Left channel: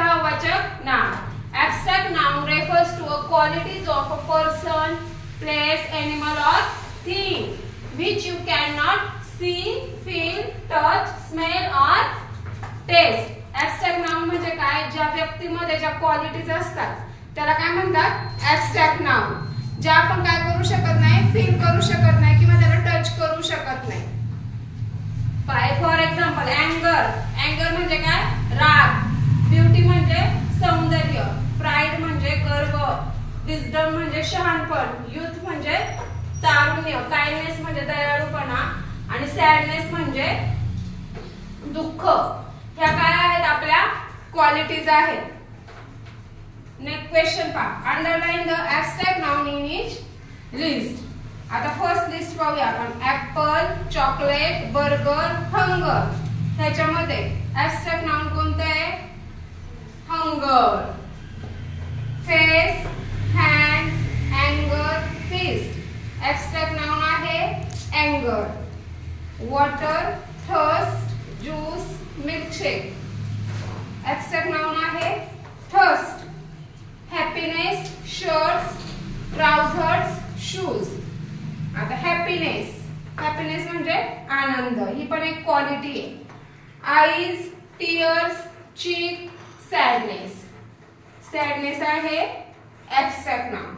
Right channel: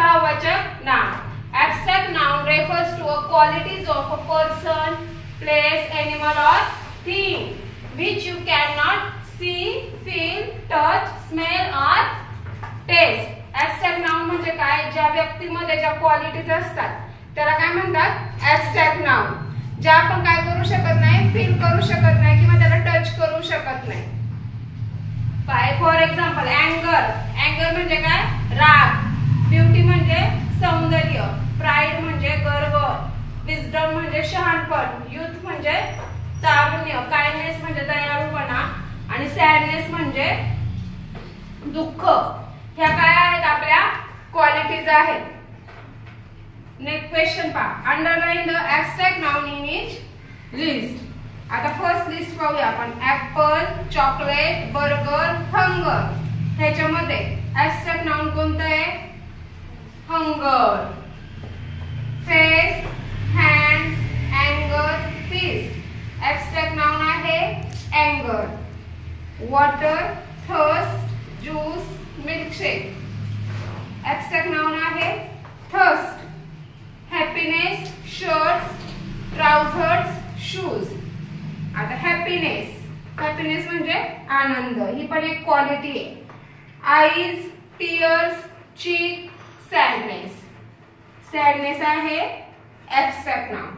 भाववाचक नाम. Abstract noun refers to a qualities of a person, place, animal or thing which you cannot see, feel, touch, smell or taste. Abstract noun म्हणजे काय? ज्या व्यक्तीमध्ये ज्या qualities असतात त्याला काय म्हणतात? Abstract noun. ज्या आपण काय करू शकत नाही, फील करू शकत नाही किंवा त्याला टच करू शकत नाही. For example अँगर. अँगर म्हणजे काय? राग. ब्युटी म्हणजे सौंदर्य. प्राइड म्हणजे गर्व. विजडम म्हणजे शहाणपण. युथ म्हणजे तारुण्य. काइंडनेस म्हणजे दयाळूपणा आणि सॅडनेस म्हणजे दुःख. ह्या काय आहेत? आपल्या क्वालिटीज आहेत. नेक्स्ट क्वेश्चन पहा. Underline the abstract noun in each list. आता फर्स्ट लिस्ट पाहूया आपण. Apple, chocolate, burger, hunger. ह्याच्यामध्ये ॲब्स्ट्रॅक्ट नाउन कोणतं आहे? हंगर. फेस, हँड्स, अँगर, फिस्ट. ॲब्स्ट्रॅक्ट नाउन आहे अँगर. Water, thirst, juice, milkshake. Abstract noun आहे thirst. Happiness, shirts, trousers, shoes. आता हॅपीनेस. हॅपीनेस म्हणजे आनंद. ही पण एक क्वालिटी आहे. Eyes, tears, cheek, sadness. Sadness आहे ॲब्स्ट्रॅक्ट नाउन.